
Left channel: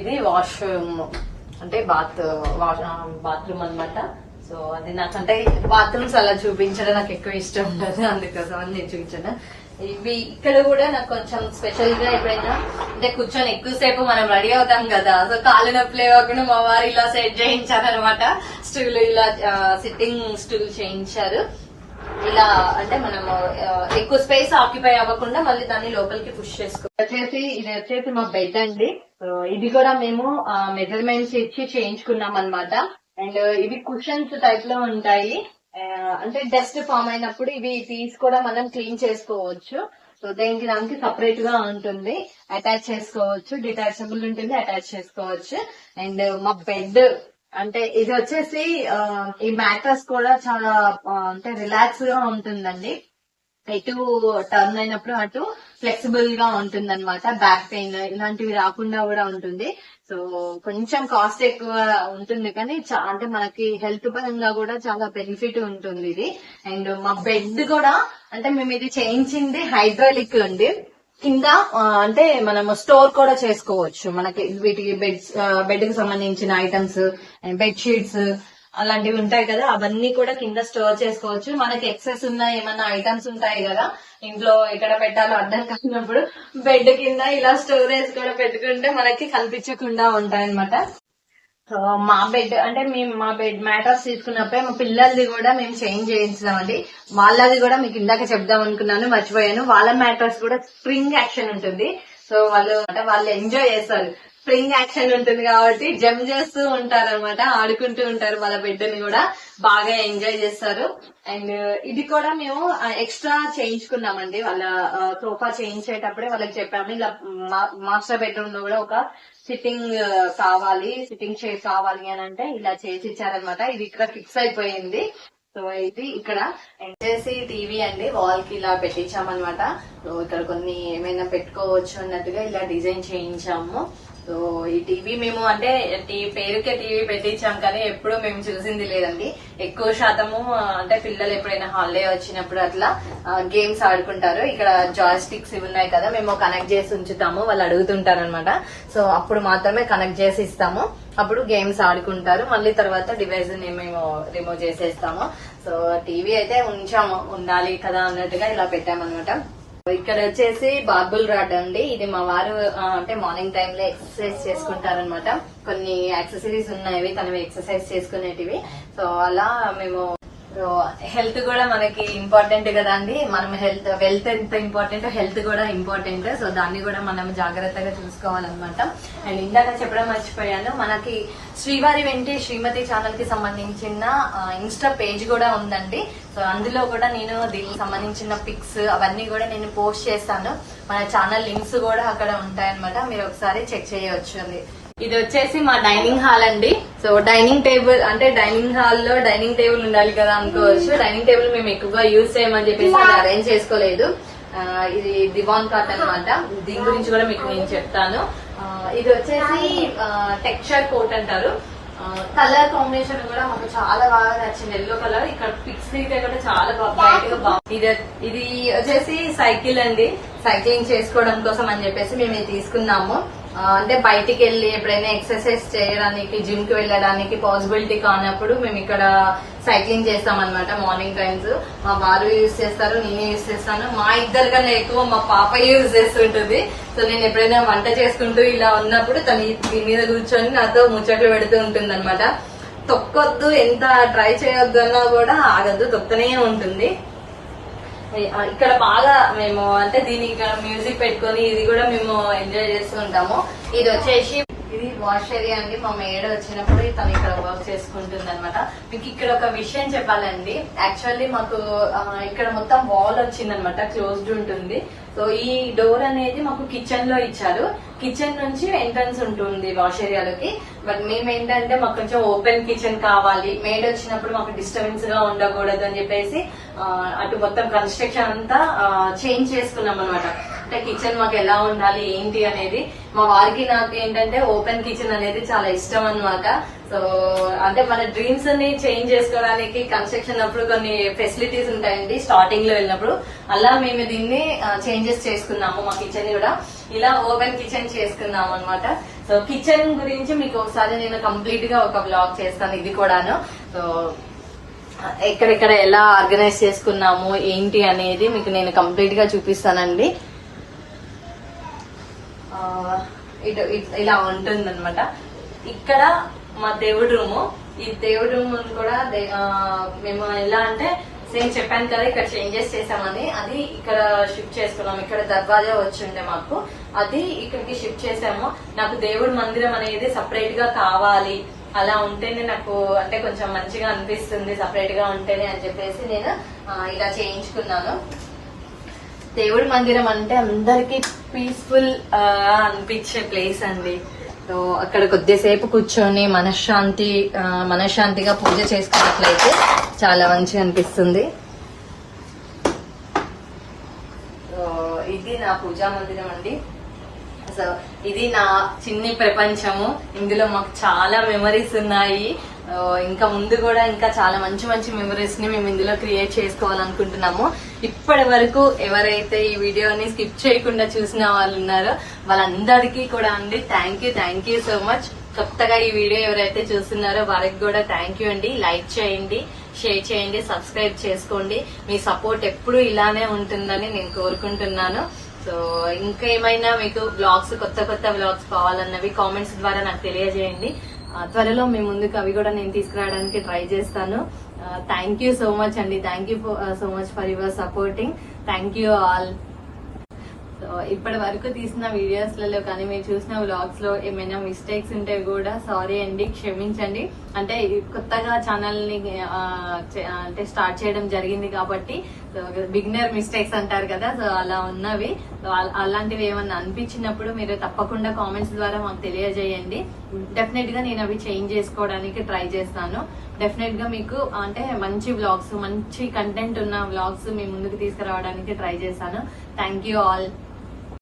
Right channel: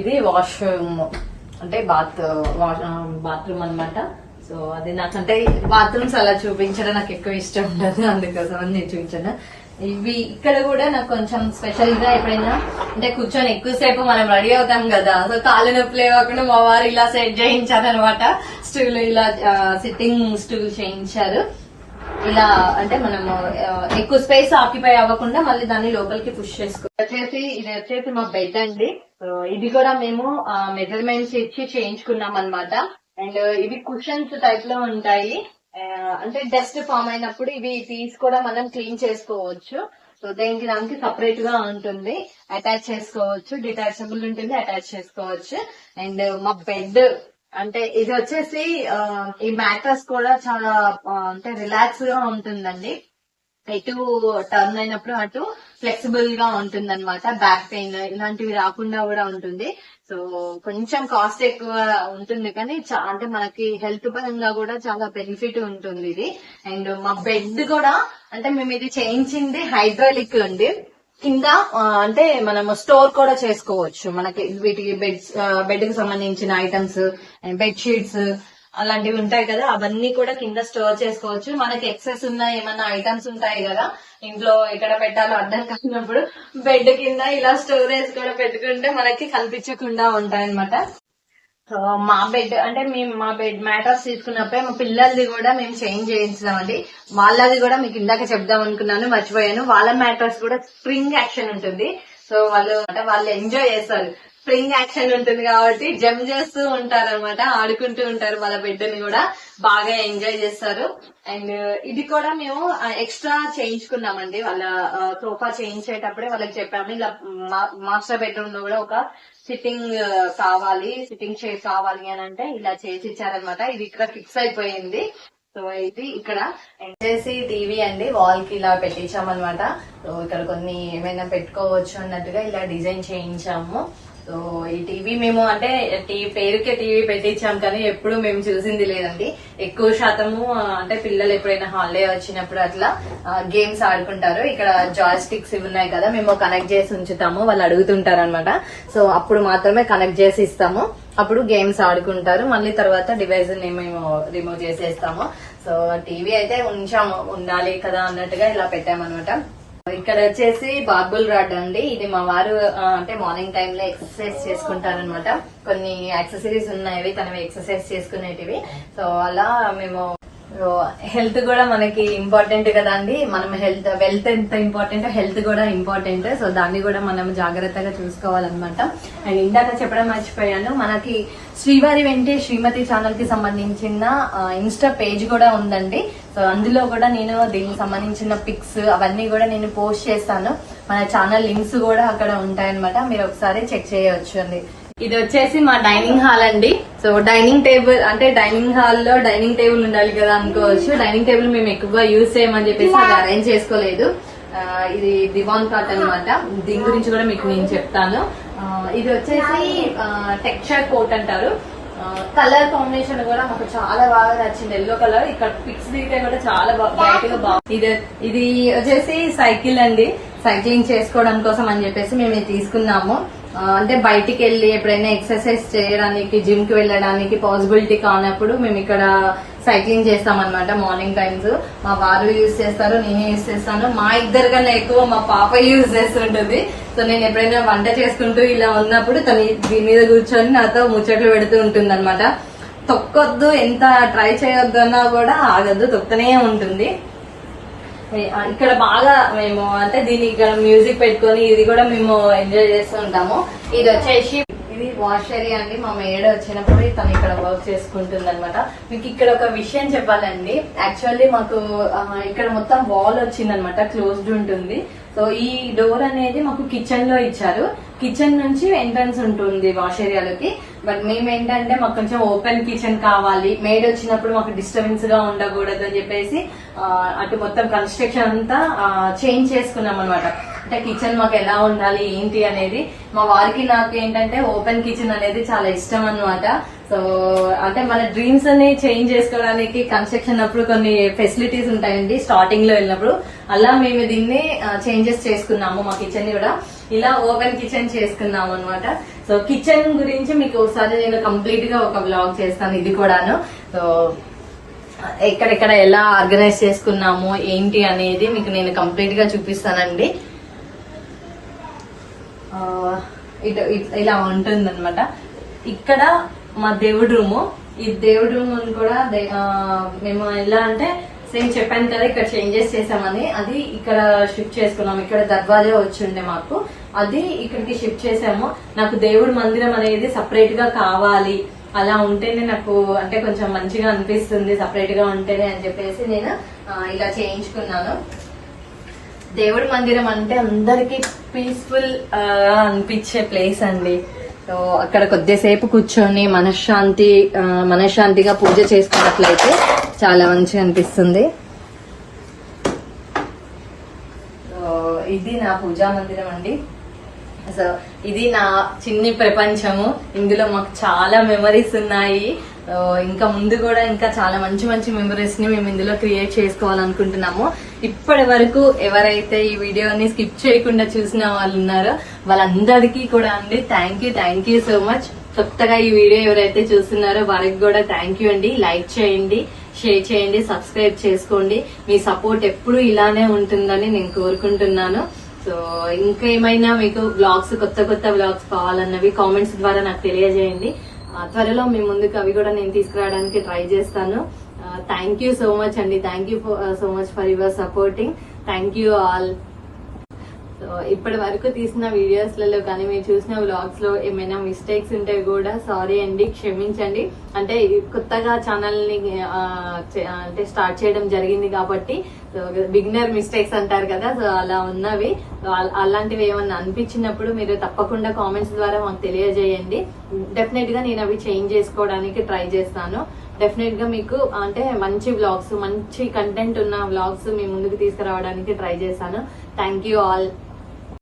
ఇది వాష్రూమ్ అంటే బాత్ బాత్రూమ్ అన్నమాట. సో అది నాకంటే బాత్రూమ్స్ అలా చూపించడం నాకు ఎక్కువ ఇష్టం ఉండదు. అందుకోసం నేను చూపించాను. ఇవి ఇక్కడ కూడా నాకు కొంచెం స్పెషల్గా ఎప్పుడైనా అంటే కూర్చొని ఎక్కువసేపు మనం రెడీ అవుతాం కదా. సో కాళ్ళు నొప్పులు లేవకుండా మా వారు ఇలా సెట్ చేయించారు అనమాట స్టూల్ ఇలా సిట్టింగ్ స్టూల్ చేయించారు. ఇలా అంటే మనము ఎక్కువ స్పేస్ ఆక్యుపై అవ్వకుండా మళ్ళీ దాన్ని లోపలికి పుష్ చేసుకో వచ్చేసి ఇది వచ్చేసి మా బెడ్ అండి. ఇది కూడా మేము మెజర్మెంట్స్ ఇచ్చి చేయించుకున్నాం అన్నమాట అండ్ ఇవి కుషన్స్ టైప్లో ఉంటాయి. అంటే డస్ట్ ఫామ్ అయినప్పుడు ఇవి తీసి కూడా మనం క్లీన్ చేసుకోవచ్చు. సో దేనికి దానికి సపరేట్గా ఉంటుంది. అటాచ్ చేసుకోవచ్చు. డిటాచబుల్ ఉంటుంది. అటాచ్ చేసుకోవచ్చు. అండ్ మా బెడ్ అంటే ఇది వచ్చేసి ఈ మ్యాట్రస్ కూడా చాలా అంటే రిలాక్స్గా ఉంటుందండి. ఎటు టర్న్ అయినప్పుడు అటు ఫ్లెక్సిబుల్గా ఉంటుంది అనమాట బ్యాక్ పెయిన్ ఇలాంటివి రాకుండా కూడా ఉంటుంది. సో కొంచెం కాస్ట్ ఎక్కువ ఉంటుంది కానీ చా- అంటే మనకి హెల్త్ పరంగా కూడా చాలా బెనిఫిట్ ఉంటుంది ఇది. అండ్ మా బెడ్ కూడా అంటే మేము ఇది చేయించింది హైడ్రాలిక్ అండి. కింద అంటే మనం స్టోర్ కూడా చేసుకోవచ్చు. మనకి వీటికి బెడ్ బెడ్కి సంబంధించిన ఐటమ్స్ బెడ్ షీట్స్ అలాంటివి ఉంటాయి కదా అవన్నీ కూడా కింద స్టోర్ చేసుకోవచ్చు. మనకి ఎక్సెస్ ఉన్న ఏమన్నా ఐటమ్స్ ఉంటాయి కదా ఇంట్లో ఎక్కడ పెట్టాలో అర్థం కానప్పుడు బెడ్ కింద ఇలా స్టోరేజ్ కూడా పెట్టుకుంటే మనకి కనిపించకుండా ఉంటాయి అనమాట సో మా బెడ్ అంటే మేము మా బెడ్ మ్యాటర్స్ తీసుకున్నప్పుడే మా పిల్లలది కూడా మేము చేంజ్ చేయించామండి వాళ్ళది కూడా మీకు ఇందాక చెప్దాం అనుకున్నాను మర్చిపోయాను. వాళ్ళ మ్యాటర్స్ కూడా స్ప్రింగ్ యాక్షన్ ఉంటుంది. సో వాళ్ళు అంటే వాళ్ళు ఎంజాయ్ చేస్తారు. స్ప్రింగ్ యాక్షన్ ఉంటుంది కాబట్టి జంప్ చేస్తూ ఉంటారు అనమాట ఆడుకుంటూ ఉంటారు వాళ్ళ బిడ్డని కూడా. బాగా ఎంజాయ్ చేస్తారు. అండ్ ఇది కూడా మేము ఎక్స్ట్రా చేయించుకున్నామండి. వాళ్ళ సోఫా చేయించేటప్పుడే వాళ్ళకి చెప్పాము. ఇలా మాస్టర్ బెడ్రూమ్లో కూడా ఒక సిట్టింగ్ కావాలి సిట్టింగ్ చైర్ కావాలి అని అంటే ఇలా చేసి ఇచ్చారనమాట ఇది ఇక్కడ ఫిక్స్ అయిపోయింది. సో ఇది ఇక్కడ వచ్చేసి టీవీ అండి. వాల్కి ఇలా పెట్టించామన్నమాట. సో ఇక్కడ కొన్ని ఏమైనా పెట్టుకోవచ్చు అన్నట్టుగా ఇలా డిజైన్ చేయించాము. సో ఈ టీవీ మేము అంటే టీ పేరుకే టీవీ పెట్టించాం కానీ ఎప్పుడు మేము చూసింది లేదండి. ఎక్కువ శాతము అంటే పిల్లలు ఎప్పుడైనా హాలిడే వచ్చినప్పుడు అట్లా గేమ్స్ ఆడుకుంటారు. ఇక్కడ జాయ్ స్టిక్స్ ఇవి ఉన్నాయి కదా మేము కనెక్ట్ చేసి ఉంచుతాము. వాళ్ళు అడుగుతుంటారు అనమాట సో అప్పుడు మాత్రమే కనెక్ట్ చేసి ఇస్తాము. అప్పుడు గేమ్స్ ఆడుకుంటారు. మళ్ళీ తర్వాత డివైస్ని మేము రిమూవ్ చేసేస్తాము. సో టీవీ అయితే ఉంచాము. ఉండాలి కదా అన్నట్టుగా ఇలా పెట్టామన్నమాట. ఇక్కడ వచ్చేసి బార్బుల్ రాడ్ అండి. ఇది మా వారు అంటే మార్నింగ్ టైమ్లో ఎక్సర్సైజ్ చేసుకుంటారనమాట కొన్ని యాక్సెసరీస్ ఉన్నాయి తనవి ఎక్సర్సైజ్ చేసుకునేటివి. సో అలా మేము హెల్త్ కూడా మనకి ఇంపార్టెంట్ కదా అండి. మనం హెల్త్ వెల్త్ ఎంత ఇంపార్టెంట్ హెల్త్ కూడా ఇంపార్టెంట్ సో దాన్ని కూడా మనం జాగ్రత్తగా చూసుకోవాలన్నమాట. అండ్ ఇందాక చెప్పడం మర్చిపోయాను మనకి శ్రీవారి వెంటే శ్రీమతి ఛానల్కి సంబంధించిన ఇన్స్టా పేజ్ కూడా ఉందండి. సో అందులో కూడా నేను దీనికి సంబంధించిన పిక్స్ అవన్నీ కూడా నేను పోస్ట్ చేస్తాను. మన ఛానల్ లింక్స్ కూడా అక్కడ ఉంటాయన్నమాట. మీరు ఒకసారి చెక్ చేయవచ్చు అండి. ఇది వచ్చేసి మా డైనింగ్ హాల్ అండి. సో డైనింగ్ టేబుల్ అంటే డైనింగ్ హాల్లో డైనింగ్ టేబుల్ ఉండాలి కదా అనుకోవచ్చు. డైనింగ్ టేబుల్ మేము ఎక్కువగా యూజ్ చేయమని చెప్పేసి అది అరేంజ్ చేసుకోలేదు. ఇది దివాన్ కాట్ అనమాట దీని గురించి కూడా మీకు నేను చెప్తాను. ఇది వచ్చేసి టెక్స్చర్ కోట్ అంటారు. కలర్ కాంబినేషన్ కూడా మాకు చాలా బాగా నచ్చింది. Yellow colour. ఇక్కడ పిక్స్ దిగితే కూడా చాలా బ్రైట్గా ఇది ఇది వచ్చేసి సైకిల్ అండి. సైక్లింగ్ చేసుకోవడం కోసం అని చెప్పేసి మేము ఇది తీసుకున్నాము. అంటే బయటికి వెళ్ళి ఎప్పుడైనా ఎక్సర్సైజ్ చేయడానికి జిమ్కి వెళ్ళడానికి పాసిబిలిటీ కానప్పుడు మేము ఇక్కడ సైక్లింగ్ చేస్తాం అనమాట మార్నింగ్ టైమ్స్. మా వారు యూజ్ చేస్తారు నేనే యూజ్ చేస్తాను. మా ఇద్దరు కన్నా ఎక్కువ మా పాప యూజ్ చేస్తుంటది. సో నేను ఎప్పుడైనా వంట చేసుకుంటూ ఇలా ఉన్నప్పుడు తను దీని మీద కూర్చొని నాతో ముచ్చట్లు పెడుతూ ఉంటుంది అనమాట తొక్కొద్దు ఎంత ట్రై చేయొద్దన్నా కూడా ఆగద్దు తొక్కనే ఉంటుంది. ఇక్కడ బాగా మేము అంటే దీని ఇక్కడ మ్యూజిక్ పెట్టుకొని ఇది కూడా మేము ఎంజాయ్ చేస్తూ ఉంటాము. ఇది వచ్చేసి ఇది వాష్ ఏరియా అండి. మా మేడ వచ్చినప్పుడు తను ఇక్కడ వర్క్ చేసుకుంటుంది అనమాట మీకు ఇక్కడ ఒక విషయం చెప్పాలండి. యాక్చువల్లీ మాకు ఇక్కడ మొత్తం వాల్ వచ్చిందనమాట క్లోజ్డ్ ఉంటుంది. సో ఈ డోర్ అనేది మాకు కిచెన్లో ఇచ్చారు. కిచెన్ నుంచి ఎంట్రన్స్ ఉంటుంది వాష్ ఏరియాలోకి బట్ మేము ఏంటంటే మాకు కొంచెం ఓపెన్ కిచెన్ కావాలి. మేడ్ వచ్చినప్పుడు మాకు డిస్టర్బెన్స్గా ఉండకూడదు అని చెప్పేసి అటు మొత్తం కన్స్ట్రక్షన్ అంతా చేంజ్ చేసుకున్నాం అనమాట అంటే కిచెన్ మాకు ఎలా ఉండాలి ఏంటి అనేది మా వారికి నాకు ఏంటంటే ఓపెన్ కిచెన్ అనేది చాలా ఇష్టం అన్నమాట. సో అంటే మన డ్రీమ్స్ అన్ని చేంజ్ చేసుకోవడానికి కన్స్ట్రక్షన్ అప్పుడు కొన్ని ఫెసిలిటీస్ ఉంటాయండి స్టార్టింగ్లో వెళ్ళినప్పుడు. అలా మేము దీన్ని చేంజెస్ చేసుకున్నాము మా కిచెన్ కూడా. ఇలా ఓపెన్ కిచెన్ చేసుకున్నాము అనమాట సో కిచెన్ గురించి మీకు ఒకసారి నేను కంప్లీట్గా ఒక బ్లాగ్ చేస్తాను ఇది కూడాను. సో ఎక్కడెక్కడ ఎలా ఆర్గనైజ్ చేసుకున్నాము ఏంటి అనేది మీకు నేను కంప్లీట్గా చూపిస్తానండి. ఇటు ఇలా ఉంటుంది అనమాట ఇక్కడ మా దేవుడి రూము. ఈ దేవుడి రూమ్ కూడా దే- మేము ఎలా అంటే సేమ్ చెప్పాను కదా ఇక్కడ చేంజెస్ చేసామని అది ఇక్కడ షిఫ్ట్ చేసుకున్నాం. ఇక్కడ దర్వాజా వచ్చిండే మాకు. అది ఇక్కడికి షిఫ్ట్ చేసాము నాకు దేవుడి మందిరం అనేది సపరేట్గా కావాలి. అలా ఉంటేనే నాకు అంటే కొంచెం మంచిగా అనిపిస్తుంది సపరేట్గా ఉంటేనే అని చెప్పేసి నేను ఇలా చేయించుకున్నాను. దేవుడి మందిరం అంటే అందరికి పీస్ఫుల్ అనిపించే ప్లేస్ అండి. సో అక్కడ కొద్దిసేపు కూర్చొని మనశ్శాంతి మనశ్శాంతిగా పూజ చేసుకున్నట్లయితే చాలా మంచిగా అనిపిస్తుంది. ఇది నా పూజా మందిరం అండి. సో ఇది నా చిన్ని ప్రపంచము. ఇందులో మాకు చాలా మెమరీస్ ఉన్నాయి. ఇంకా ముందు కూడా ఇంకా చాలా మంచి మంచి మెమరీస్ని మేము ఇందులో క్రియేట్ చేసుకోవాలనుకుంటున్నాము. ఇప్పటి వరకు ఎవరైతే ఈ వీడియోని స్కిప్ చేయకుండా చూసిన వాళ్ళు ఉన్నారో వాళ్ళందరికీ కూడా అండి thank you thank you so much కొత్తగా ఈ వీడియో ఎవరైతే చూస్తున్నారో వారికి కూడా థ్యాంక్ యూ అండి. లైక్ చేయండి షేర్ చేయండి సబ్స్క్రైబ్ చేసుకోండి. మీ సపోర్ట్ ఎప్పుడు ఇలానే ఉంటుందని నేను కోరుకుంటున్నాను. సో ఇంకేమైనా మీకు బ్లాగ్స్ కొత్త కొత్త బ్లాగ్స్ కావాలన్నవి కామెంట్స్ ద్వారా నాకు తెలియజేయండి. త్వరలో మీ ముందుకు అవి కూడా నేను తీసుకురావడానికి ట్రై చేస్తాను. థ్యాంక్ యూ సో మచ్ అండి. Thank you so much for your supporting. Thank you all. So ఇప్పటి వరకు తీసిన వీడియోస్లలో కానీ మీరు చూసిన వ్లాగ్స్లో ఏమైనా మిస్టేక్స్ ఉంటే కూడా సారీ అండి క్షమించండి. అంటే కొత్తగా ఛానల్ని అంటే స్టార్ట్ చేయడం జరిగింది కాబట్టి బిగినర్ మిస్టేక్స్ అంటారు కదా సో అలా ఉన్నవి. అలాంటివి ఏమన్నా అనిపించినప్పుడు మీరు తప్పకుండా కామెంట్స్ ద్వారా మాకు తెలియజేయండి. డెఫినెట్గా నేను అవి చేంజ్ చేసుకోవడానికి ట్రై చేస్తాను. డెఫినెట్గా మీకు అంటే మంచి వ్లాగ్స్ మంచి కంటెంట్ ఉన్న వ్లాగ్స్ మీ ముందుకు తీసుకురావడానికి ట్రై చేశాను. Thank you all